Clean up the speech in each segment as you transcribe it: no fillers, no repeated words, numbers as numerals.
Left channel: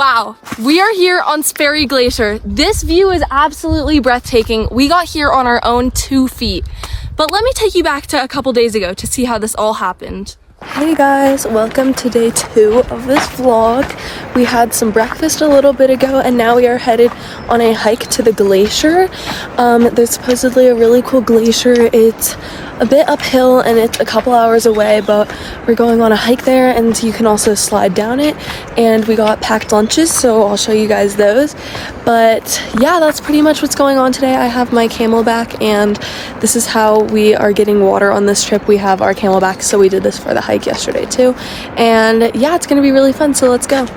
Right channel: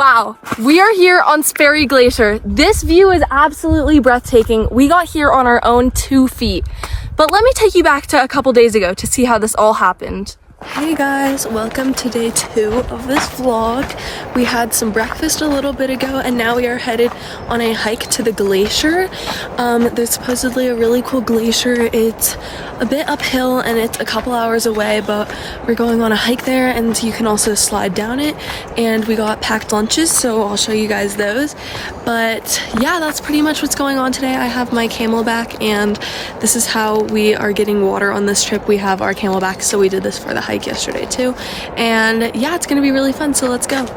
Wow, we are here on Sperry Glacier. This view is absolutely breathtaking. We got here on our own 2 feet. But let me take you back to a couple days ago to see how this all happened. Hey guys, welcome to day 2 of this vlog. We had some breakfast a little bit ago and now we are headed on a hike to the glacier. There's supposedly a really cool glacier. It's a bit uphill and it's a couple hours away, but we're going on a hike there and you can also slide down it. And we got packed lunches, so I'll show you guys those. But yeah, that's pretty much what's going on today. I have my Camelback and this is how we are getting water on this trip. We have our Camelback, so we did this for the hike yesterday too. And yeah, it's gonna be really fun, so let's go.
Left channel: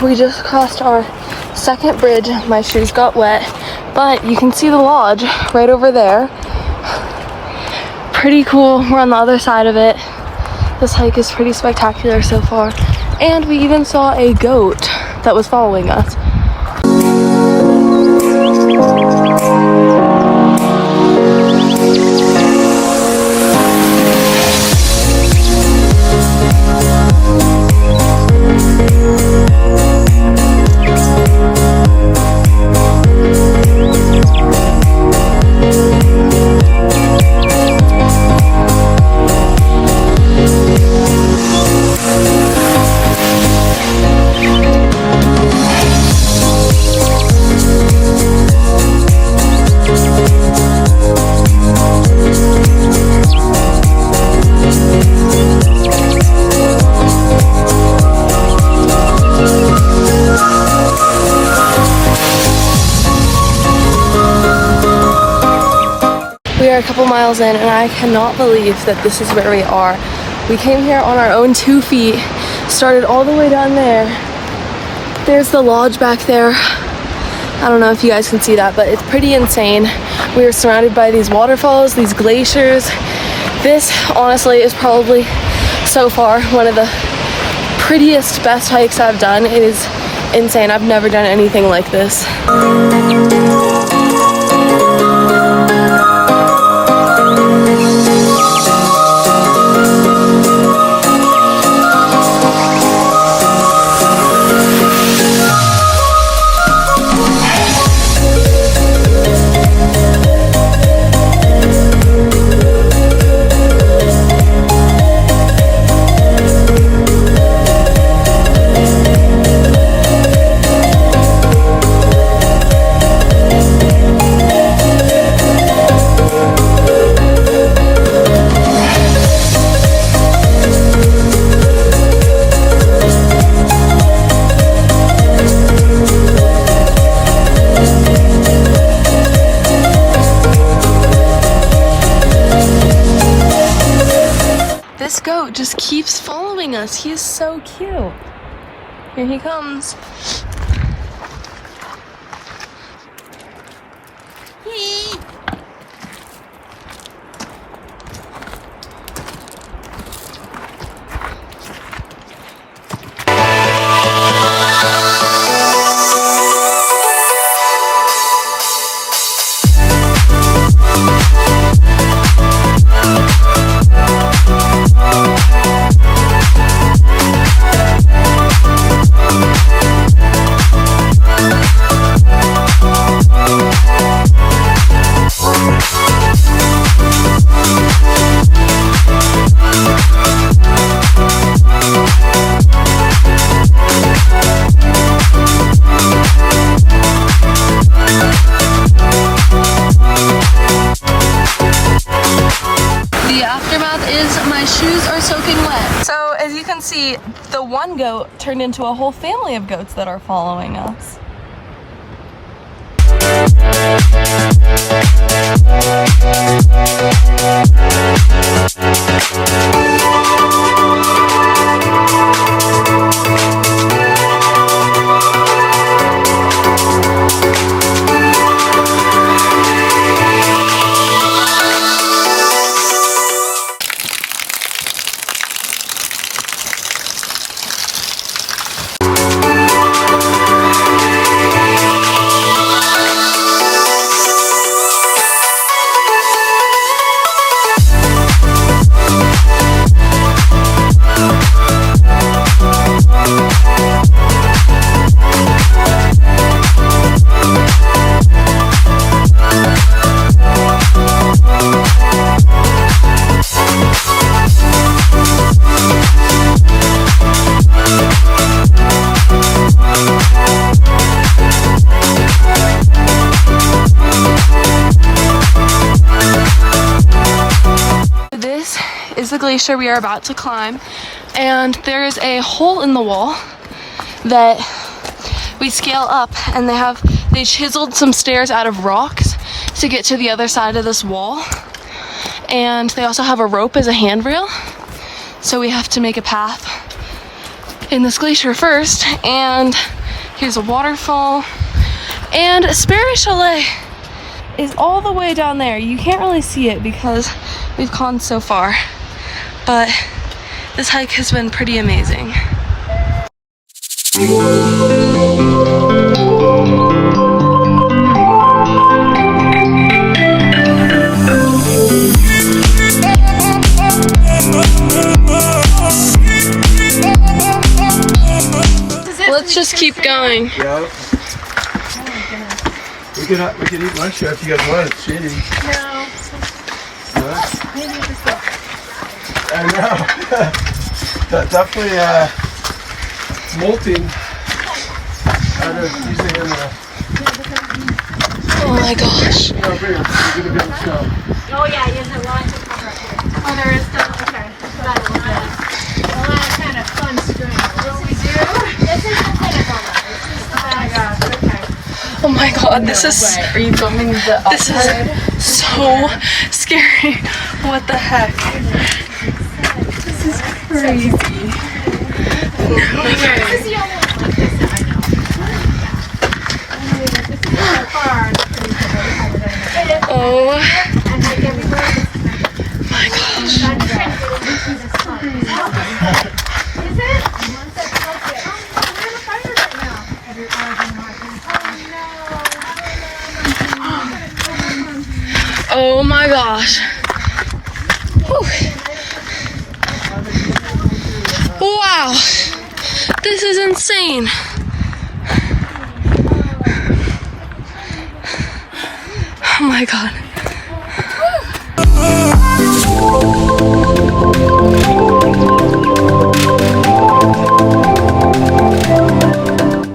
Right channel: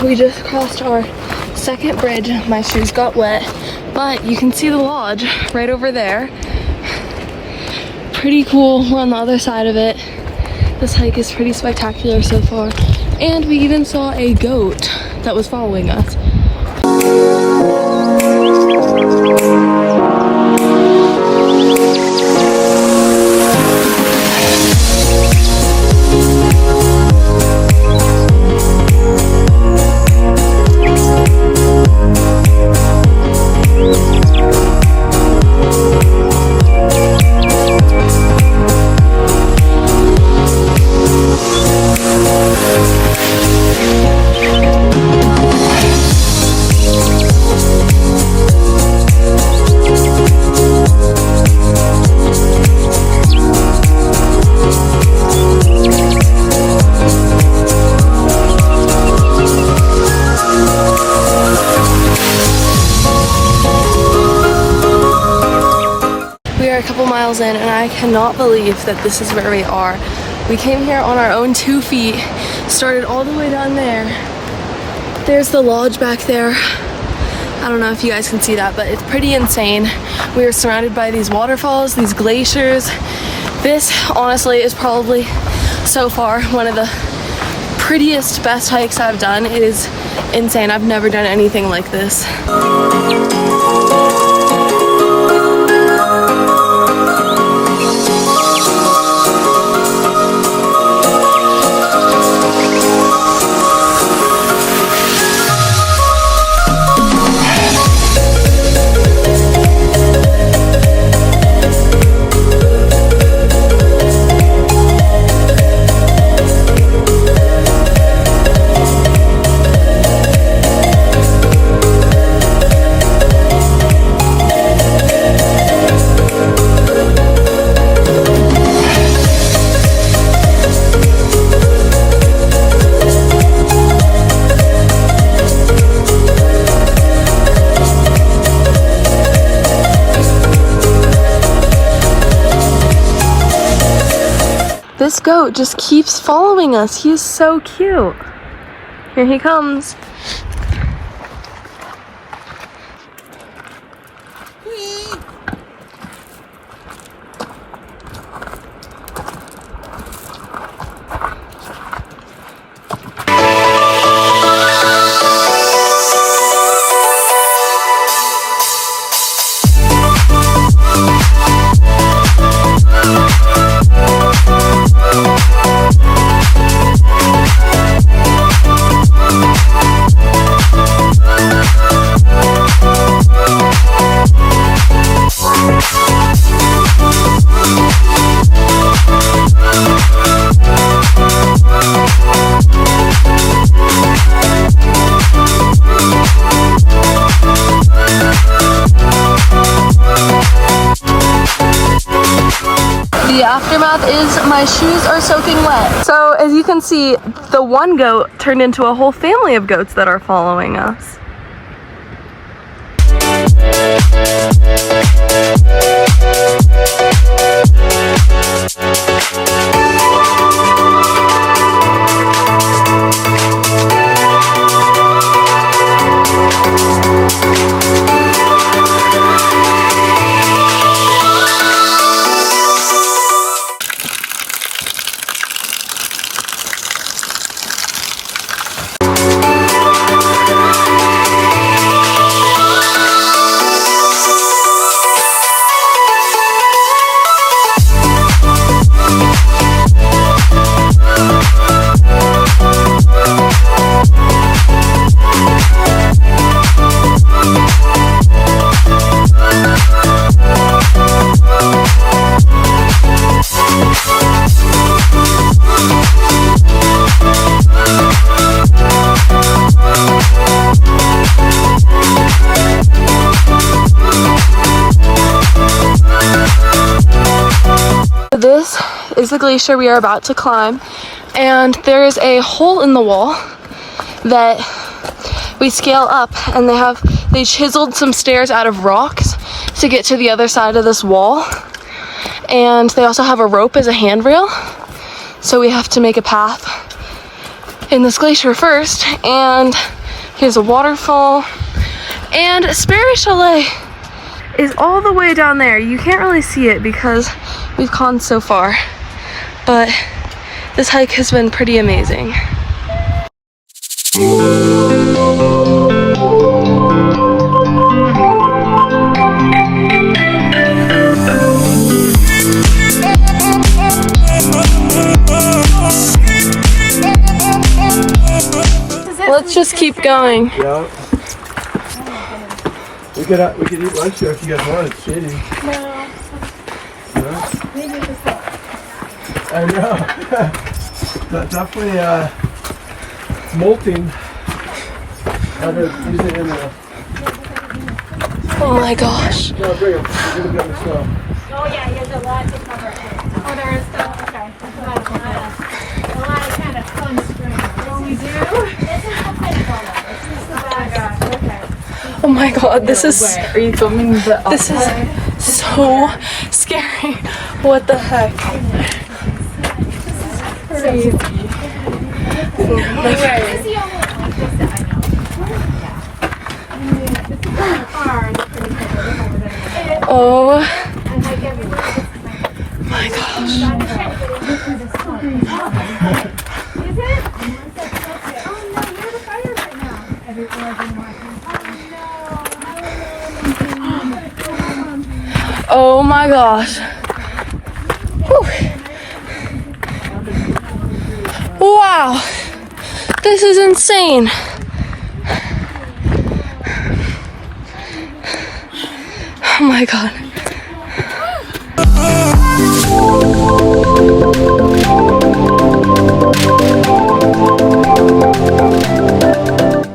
We just crossed our second bridge. My shoes got wet, but you can see the lodge right over there. Pretty cool. We're on the other side of it. This hike is pretty spectacular so far. And we even saw a goat that was following us. We are a couple miles in and I cannot believe that this is where we are. We came here on our own 2 feet, started all the way down there. There's the lodge back there. I don't know if you guys can see that, but it's pretty insane. We are surrounded by these waterfalls, these glaciers. This honestly is probably so far one of the prettiest, best hikes I've done. It is insane. I've never done anything like this. this goat just keeps following us. He is so cute. Here he comes. My shoes are soaking wet. So as you can see, the one goat turned into a whole family of goats that are following us. This is the glacier we are about to climb, and there is a hole in the wall that we scale up, and they chiseled some stairs out of rocks to get to the other side of this wall, and they also have a rope as a handrail, so we have to make a path in this glacier first. And here's a waterfall, and Sperry Chalet is all the way down there. You can't really see it because we've gone so far, but this hike has been pretty amazing. Let's just keep going. Yeah. We could eat lunch here if you guys want. It's shady. No. Maybe this way. I know. That's definitely molting. I would use it in the. Oh my gosh. Yeah, bring it. We're gonna get it slow. Oh yeah, there's a lot to cover. Oh, there is still. Okay. A lot of kind of fun string. Oh, we do. This is the table. This is the best. Oh my gosh. Okay. Oh my god, this is. Are you filming the This is so scary. What the heck? This is crazy. This is the only one like this that I know. Oh And like everywhere. my gosh. Is it? Oh no, where are the fires right now? Oh my gosh. Wow. This is insane. Oh my god.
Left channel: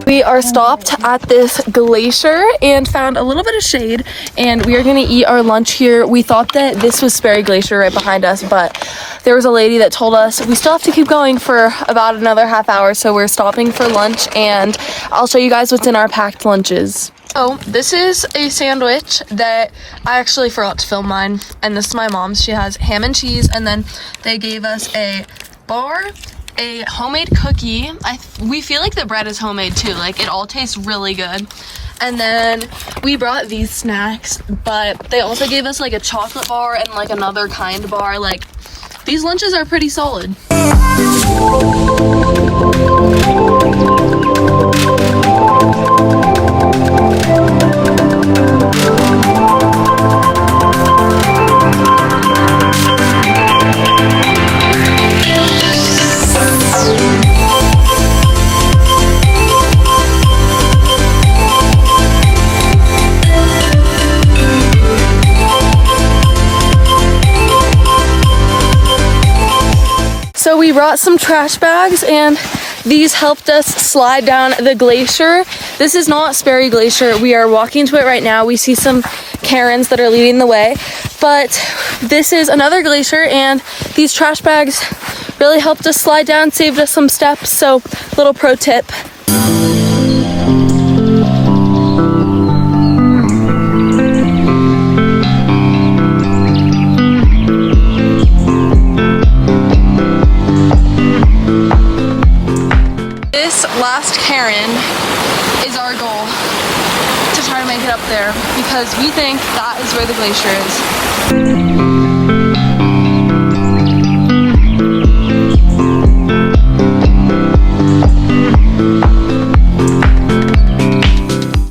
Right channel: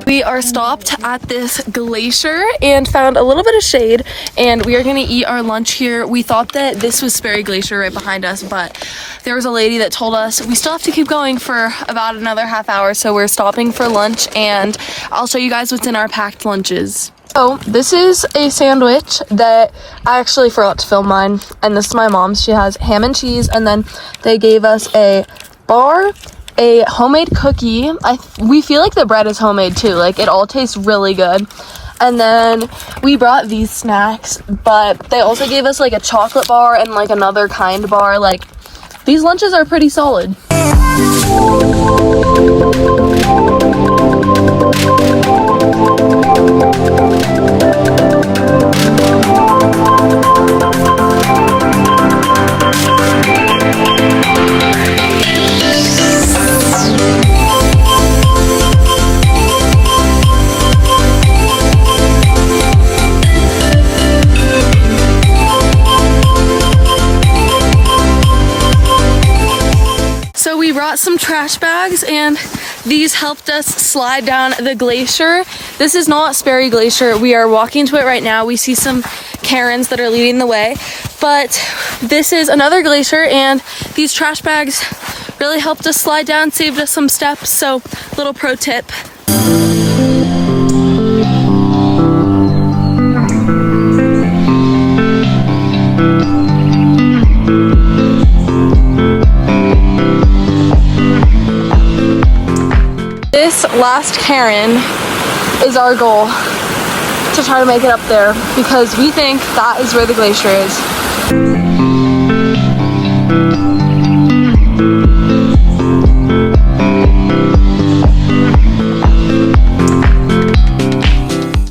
We are stopped at this glacier and found a little bit of shade, and we are going to eat our lunch here. We thought that this was Sperry Glacier right behind us, but there was a lady that told us we still have to keep going for about another half hour, so we're stopping for lunch, and I'll show you guys what's in our packed lunches. So this is a sandwich that I actually forgot to film mine, and this is my mom's. She has ham and cheese, and then they gave us a bar, a homemade cookie. We feel like the bread is homemade too, like it all tastes really good. And then we brought these snacks, but they also gave us like a chocolate bar and like another kind bar. Like, these lunches are pretty solid. So we brought some trash bags, and these helped us slide down the glacier. This is not Sperry Glacier. We are walking to it right now. We see some Karens that are leading the way, but this is another glacier, and these trash bags really helped us slide down, saved us some steps. So, little pro tip. This last Karen is our goal, to try to make it up there, because we think that is where the glacier is.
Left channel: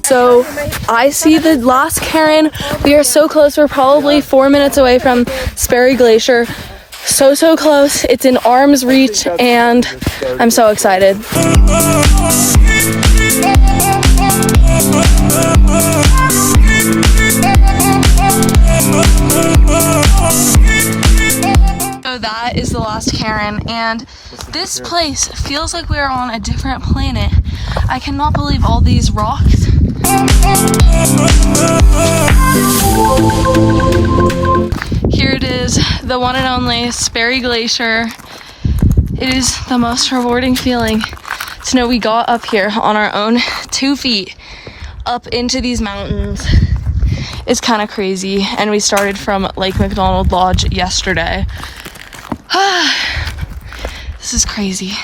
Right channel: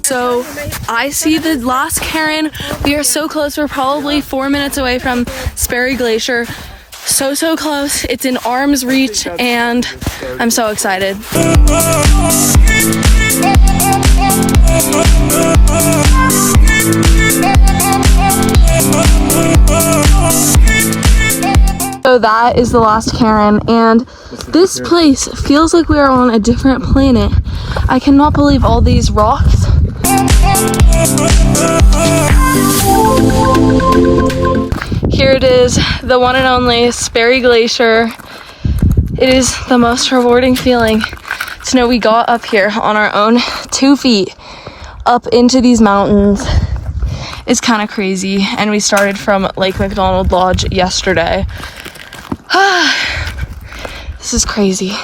So I see the last Karen. We are so close. We're probably 4 minutes away from Sperry Glacier. So close. It's in arm's reach, and I'm so excited. So that is the last Karen, and this place feels like we are on a different planet. I cannot believe all these rocks. Here it is, the one and only Sperry Glacier. It is the most rewarding feeling to know we got up here on our own 2 feet up into these mountains. It's kind of crazy, and we started from Lake McDonald Lodge yesterday. This is crazy.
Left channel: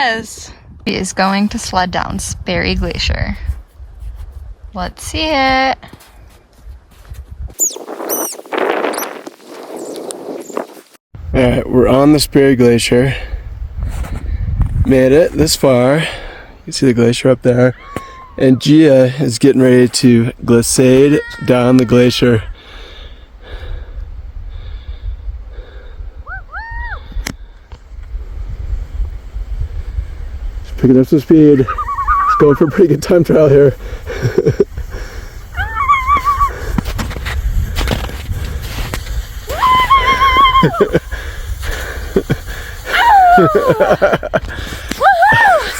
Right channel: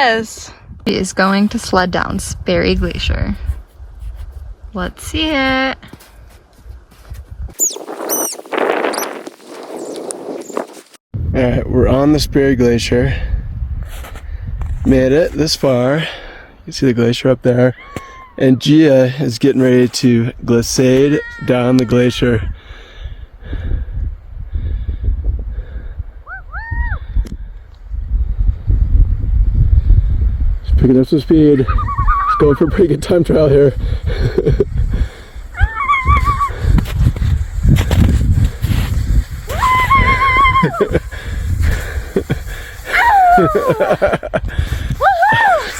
Yes! He is going to sled down Sperry Glacier. Let's see it. Alright, we're on the Sperry Glacier. Made it this far. You can see the glacier up there. And Gia is getting ready to glissade down the glacier. Just picking up some speed. Just going for a pretty good time trial here. Woohoo!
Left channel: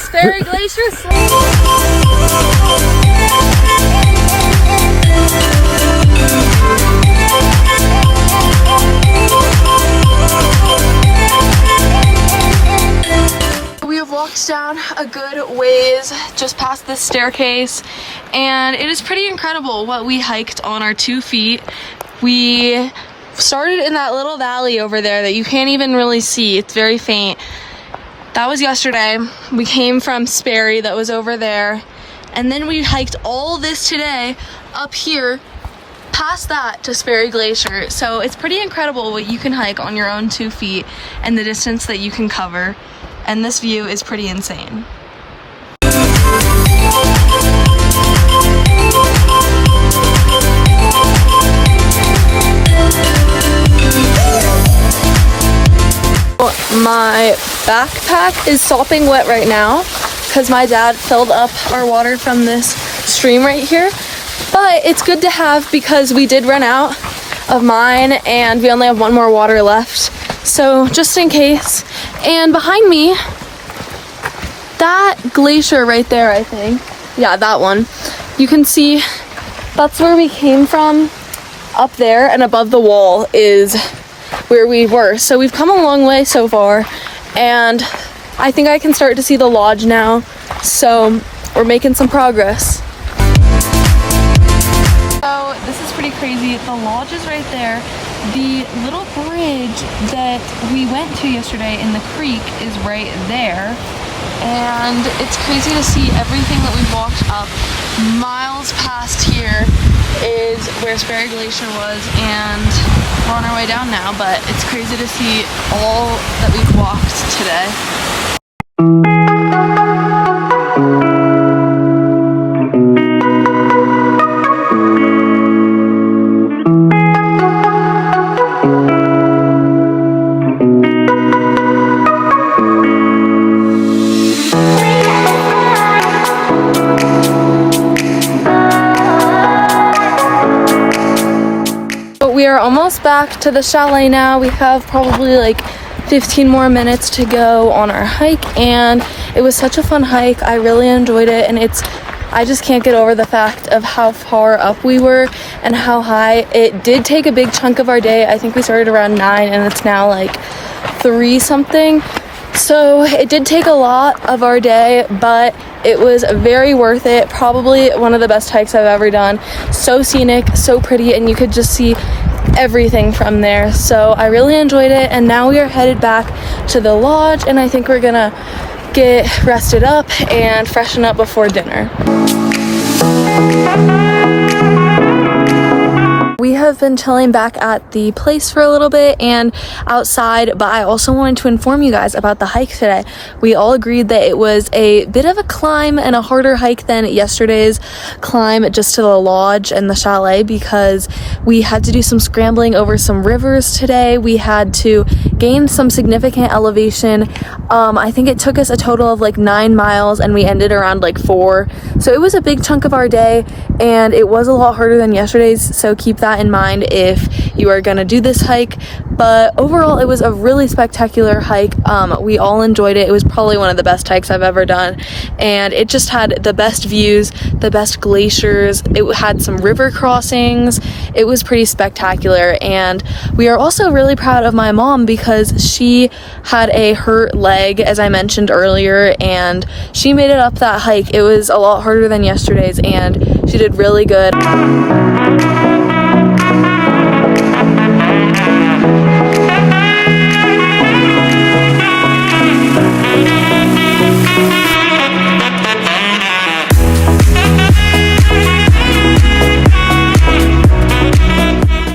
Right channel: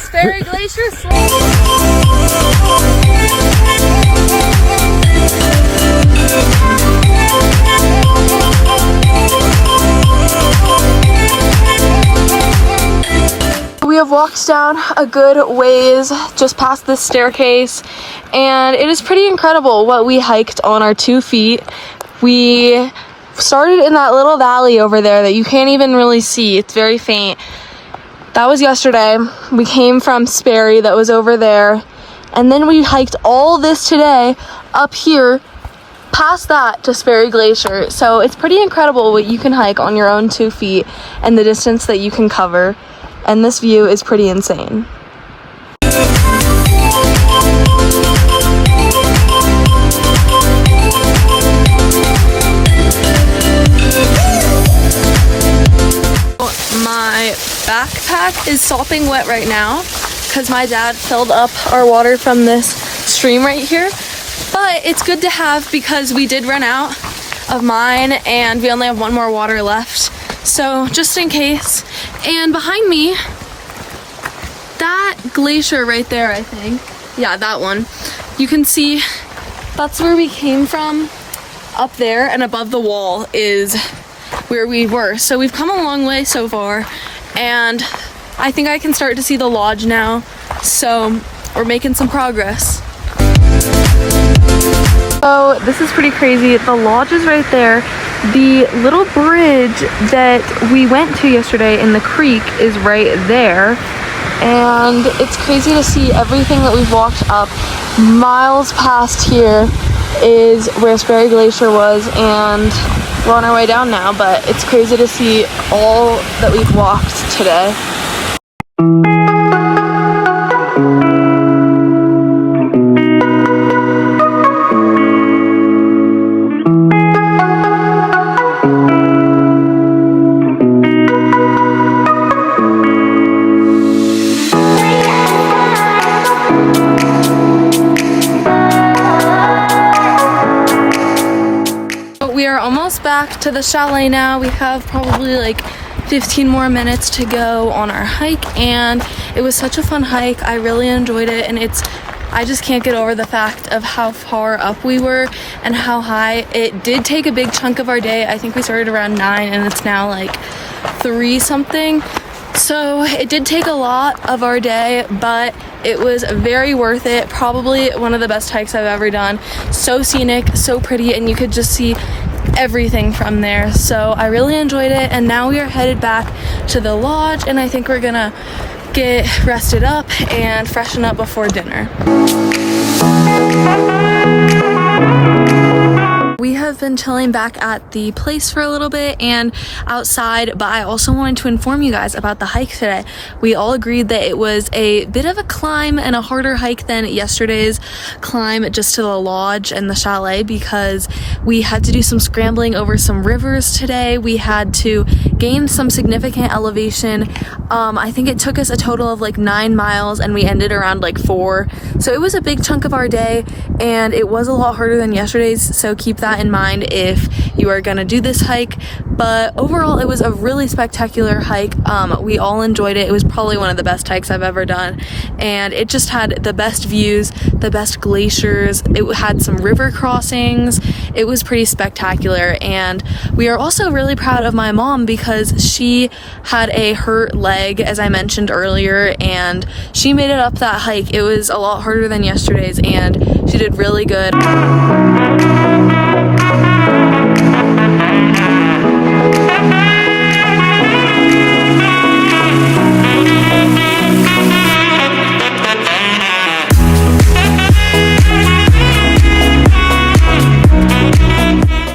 Sperry Glacier sled. We have walked down a good ways just past this staircase, and it is pretty incredible what we hiked on our 2 feet. We started in that little valley over there that you can't even really see. It's very faint. That was yesterday. We came from Sperry, that was over there, and then we hiked all this today up here past that to Sperry Glacier. So it's pretty incredible what you can hike on your own 2 feet and the distance that you can cover, and this view is pretty insane. My backpack is sopping wet right now because my dad filled up our water from this stream right here, but it's good to have because we did run out of mine and we only have one more water left, so just in case. And behind me that glacier right there, I think. Yeah, that one. You can see that's where we came from up there, and above the wall is where we were. So we've come a long way so far, and I think I can start to see the lodge now. So we're making some progress. So this is pretty crazy. The lodge is right there. The little bridge that we went to yesterday in the creek is right there. And it's crazy to see everything that we've walked up. Miles past here is where Sperry Glacier was, and we're on our way down now, but it's crazy to see all that we've walked today. We are almost back to the chalet now. We have probably like 15 more minutes to go on our hike, and it was such a fun hike. I really enjoyed it, and I just can't get over the fact of how far up we were and how high. It did take a big chunk of our day. I think we started around 9 and it's now like 3 something. So it did take a lot of our day, but it was very worth it. Probably one of the best hikes I've ever done. So scenic, so pretty, and you could just see everything from there. So I really enjoyed it, and now we are headed back to the lodge, and I think we're gonna get rested up and freshen up before dinner. We have been chilling back at the place for a little bit and outside, but I also wanted to inform you guys about the hike today. We all agreed that it was a bit of a climb and a harder hike than yesterday's climb just to the lodge and the chalet, because we had to do some scrambling over some rivers today. We had to gain some significant elevation. I think it took us a total of like 9 miles, and we ended around like 4. So it was a big chunk of our day, and it was a lot harder than yesterday's, so keep that in mind if you are gonna do this hike. But overall, it was a really spectacular hike. We all enjoyed it. It was probably one of the best hikes I've ever done, and it just had the best views, the best glaciers. It had some river crossings. It was pretty spectacular, and we are also really proud of my mom because she had a hurt leg, as I mentioned earlier, and she made it up that hike. It was a lot harder than yesterday's, and she did really good.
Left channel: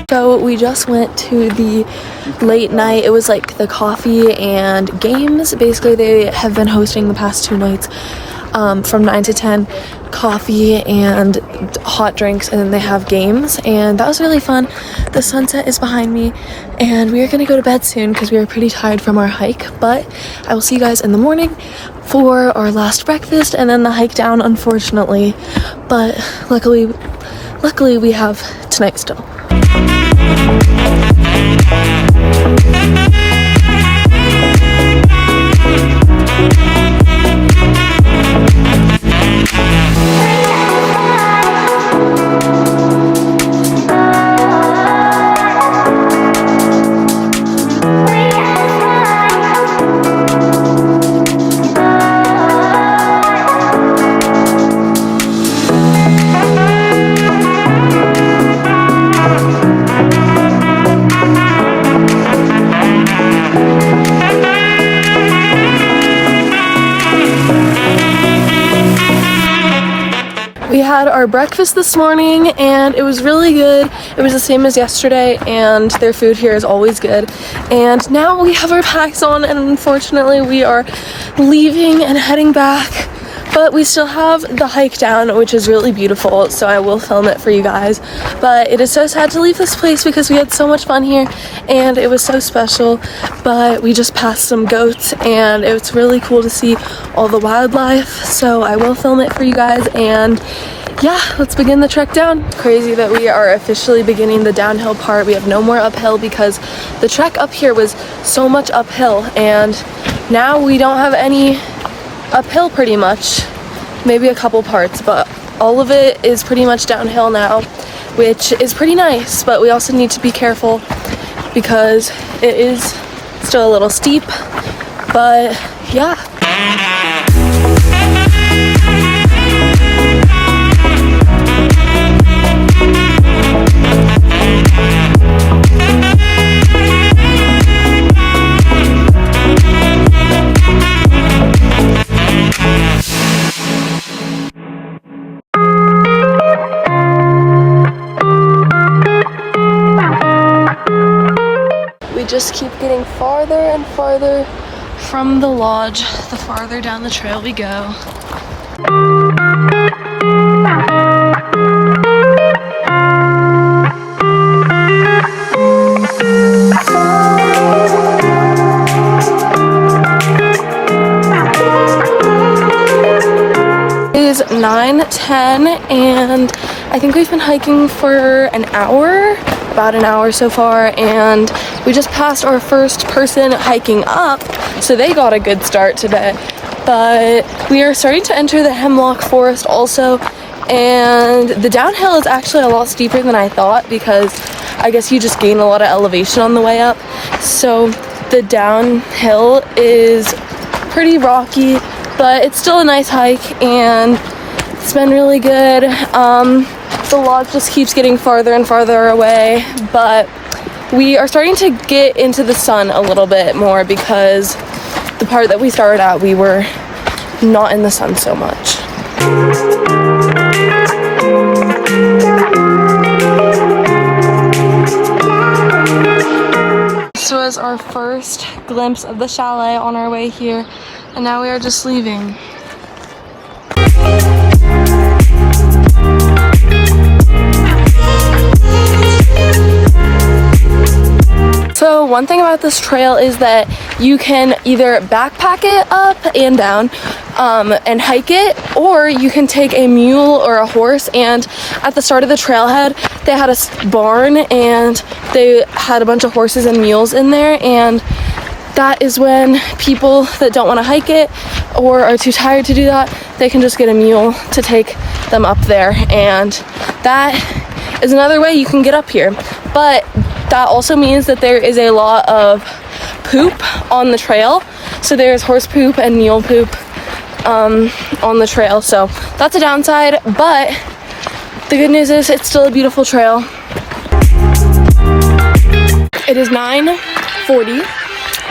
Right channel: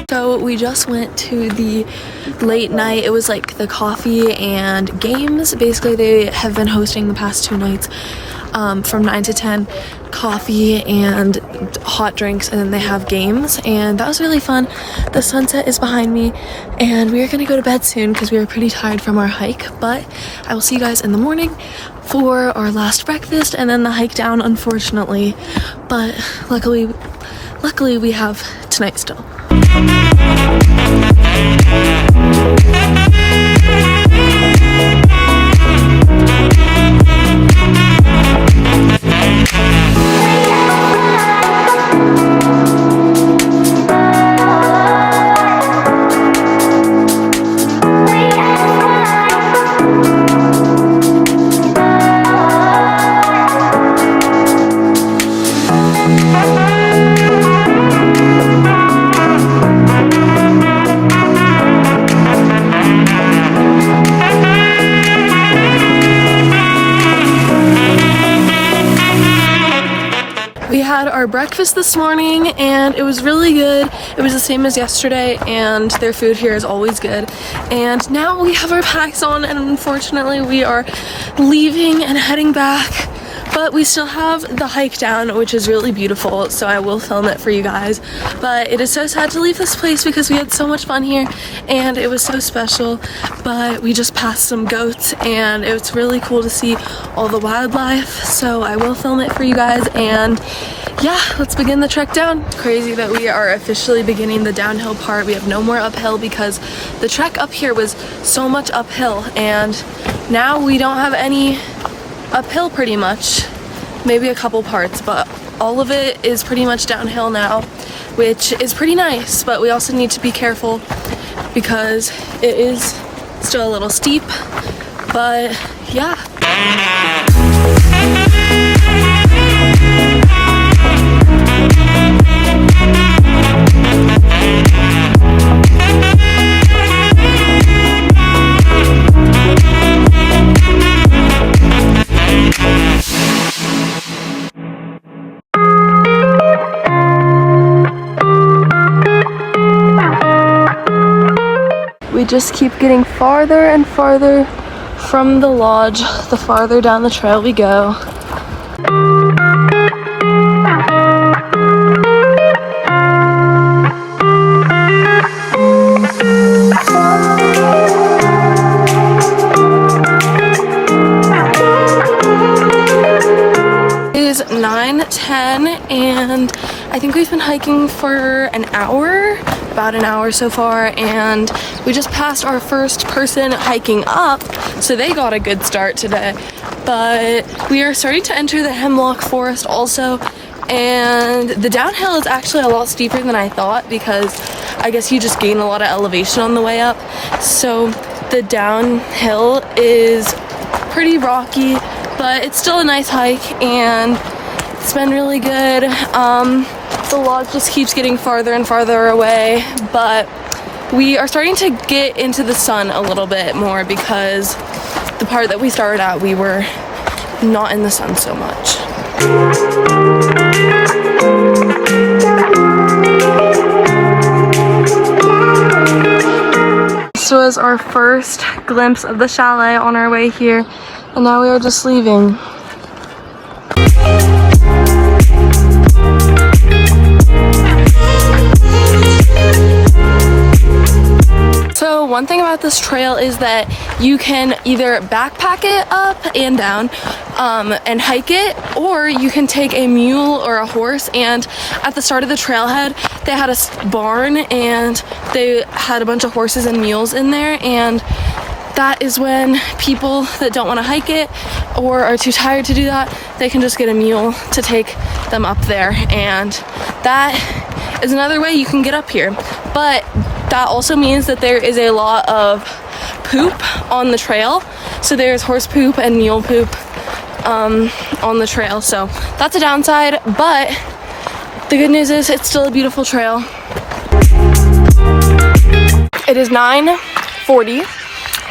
So we just went to the late night. It was like the coffee and games. Basically, they have been hosting the past 2 nights from 9 to 10, coffee and hot drinks, and then they have games, and that was really fun. The sunset is behind me, and we are gonna go to bed soon because we are pretty tired from our hike, but I will see you guys in the morning for our last breakfast and then the hike down, unfortunately, but luckily we have tonight still. We had our breakfast this morning, and it was really good. It was the same as yesterday, and their food here is always good. And now we have our packs on, and unfortunately we are leaving and heading back. But we still have the hike down, which is really beautiful, so I will film it for you guys. But it is so sad to leave this place because we had so much fun here, and it was so special. But we just passed some goats, and it's really cool to see all the wildlife, so I will film it for you guys. And yeah, let's begin the trek down. Crazy that we are officially beginning the downhill part. We have no more uphill because the trek up here was so much uphill, and now we don't have any uphill pretty much, maybe a couple parts, but all of it is pretty much downhill now, which is pretty nice, but we also need to be careful because it is still a little steep, but yeah. Getting farther and farther from the lodge, the farther down the trail we go. It is 9:10 and I think we've been hiking for an hour, about an hour so far, and we just passed our first person hiking up, so they got a good start today. But we are starting to enter the hemlock forest also, and the downhill is actually a lot steeper than I thought because I guess you just gain a lot of elevation on the way up. So the downhill is pretty rocky, but it's still a nice hike and it's been really good. The lodge just keeps getting farther and farther away, but we are starting to get into the sun a little bit more because the part that we started at, we were not in the sun so much. This was our first glimpse of the chalet on our way here, and now we are just leaving. So one thing about this trail is that you can either backpack it up and down and hike it, or you can take a mule or a horse. And at the start of the trailhead, they had a barn and they had a bunch of horses and mules in there, and that is when people that don't want to hike it or are too tired to do that, they can just get a mule to take them up there, and that is another way you can get up here. But that also means that there is a lot of poop on the trail. So there's horse poop and mule poop on the trail. So that's a downside, but the good news is it's still a beautiful trail. It is 9:40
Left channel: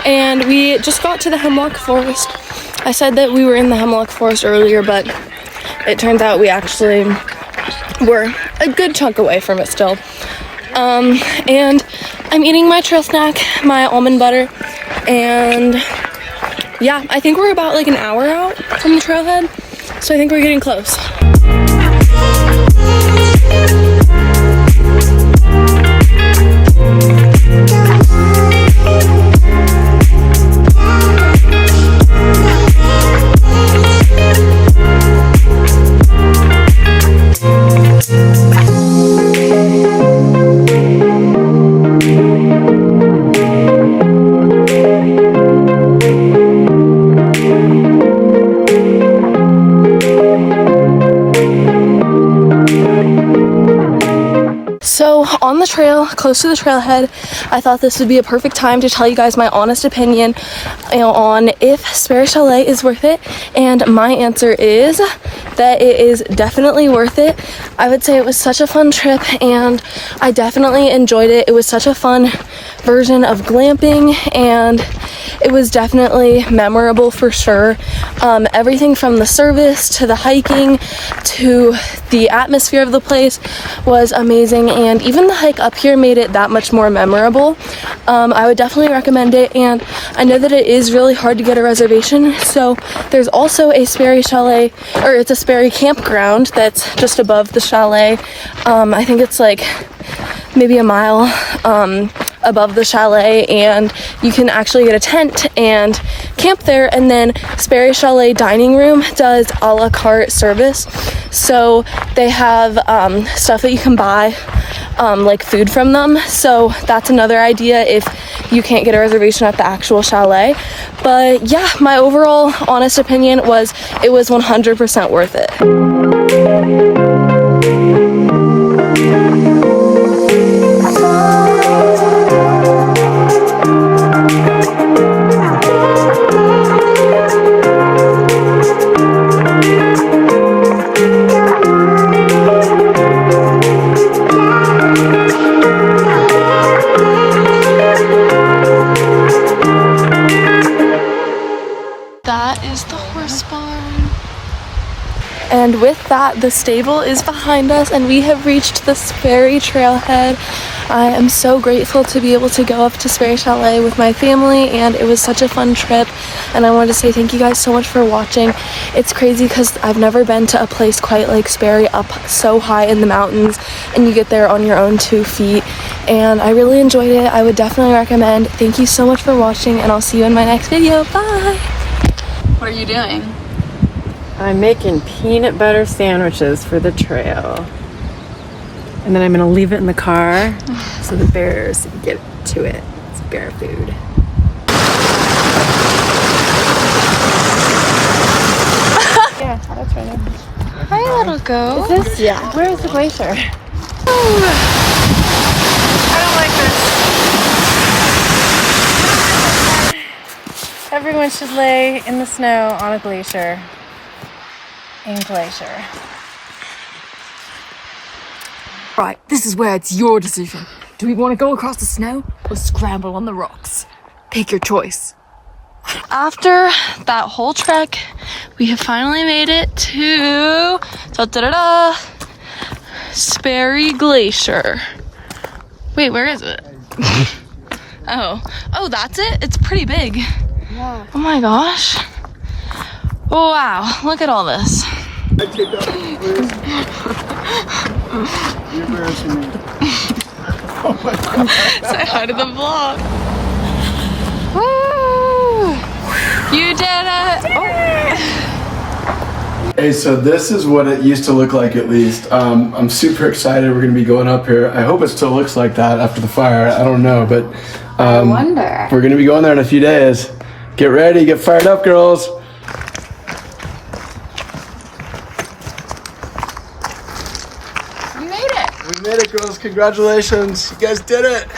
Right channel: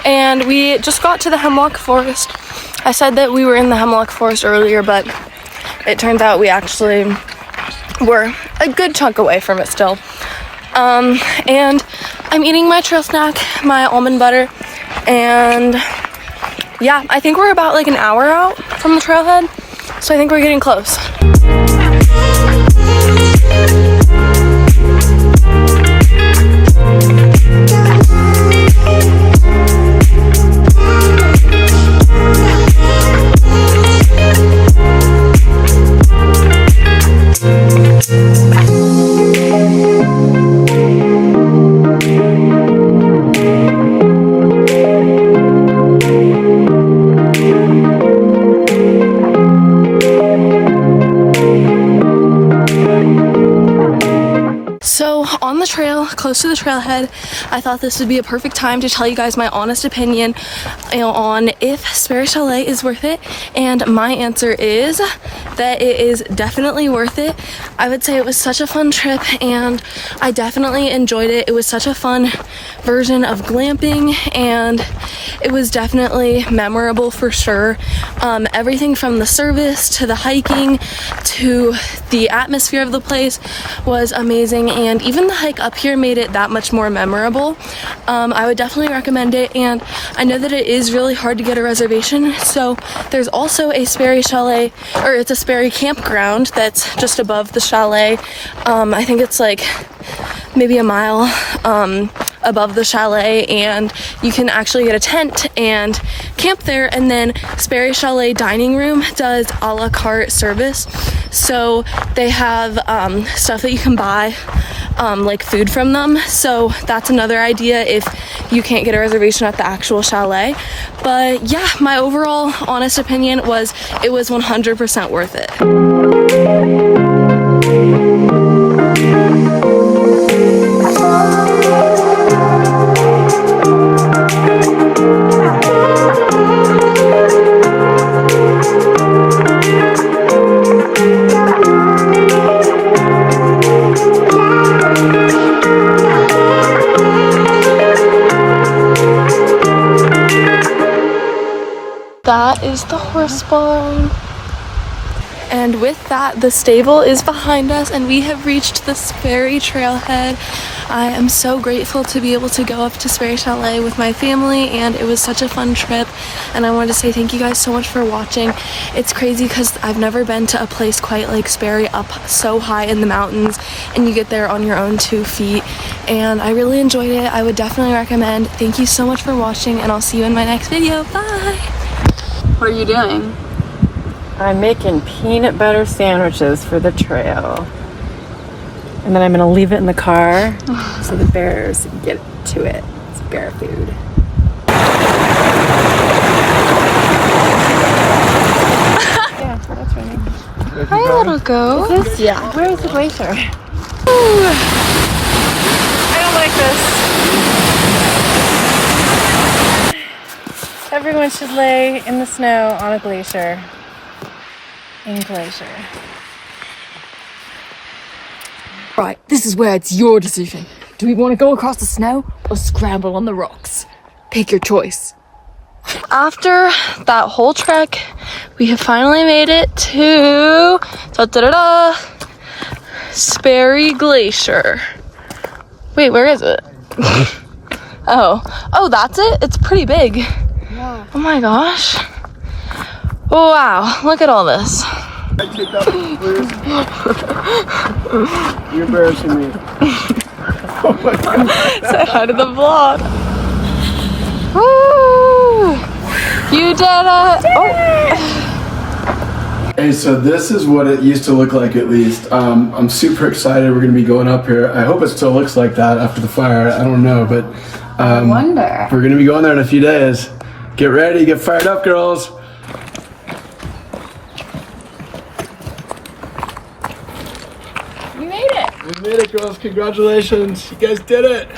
and we just got to the hemlock forest. I said that we were in the hemlock forest earlier, but it turns out we actually were a good chunk away from it still. And I'm eating my trail snack, my almond butter, and yeah, I think we're about like an hour out from the trailhead, so I think we're getting close. On the trail, close to the trailhead, I thought this would be a perfect time to tell you guys my honest opinion on if Sperry Chalet is worth it, and my answer is that it is definitely worth it. I would say it was such a fun trip and I definitely enjoyed it. It was such a fun version of glamping and it was definitely memorable for sure. Everything from the service to the hiking to the atmosphere of the place was amazing, and even the hike up here made it that much more memorable. I would definitely recommend it, and I know that it is really hard to get a reservation, so there's also a Sperry Chalet, or it's a Sperry campground that's just above the chalet. I think it's like maybe a mile above the chalet, and you can actually get a tent and camp there. And then Sperry Chalet dining room does a la carte service, so they have stuff that you can buy, like food from them. So that's another idea if you can't get a reservation at the actual chalet. But yeah, my overall honest opinion was it was 100% worth it. That is the horse barn. And with that, the stable is behind us and we have reached the Sperry Trailhead. I am so grateful to be able to go up to Sperry Chalet with my family, and it was such a fun trip. And I wanted to say thank you guys so much for watching. It's crazy because I've never been to a place quite like Sperry, up so high in the mountains, and you get there on your own 2 feet. And I really enjoyed it. I would definitely recommend. Thank you so much for watching, and I'll see you in my next video. Bye! What are you doing? I'm making peanut butter sandwiches for the trail. And then I'm gonna leave it in the car so the bears get to it. It's bear food. Yeah, that's running. Hi, little goat. Is this? Yeah. Where is the glacier? Ooh. I don't like this. Everyone should lay in the snow on a glacier. In glacier. Right, this is where it's your decision. Do we want to go across the snow or scramble on the rocks? Pick your choice. After that whole trek, we have finally made it to Sperry Glacier. Wait, where is it? Oh, that's it? It's pretty big. Yeah. Oh my gosh. Oh wow, look at all this. I take that one, please. You're embarrassing me. Oh my God. Say hi to the vlog. Woo! You did it! Oh. Hey, so this is what it used to look like, at least. I'm super excited. We're going to be going up here. I hope it still looks like that after the fire. I don't know, but we're going to be going there in a few days. Get ready, get fired up, girls. We made it! We made it, girls. Congratulations. You guys did it.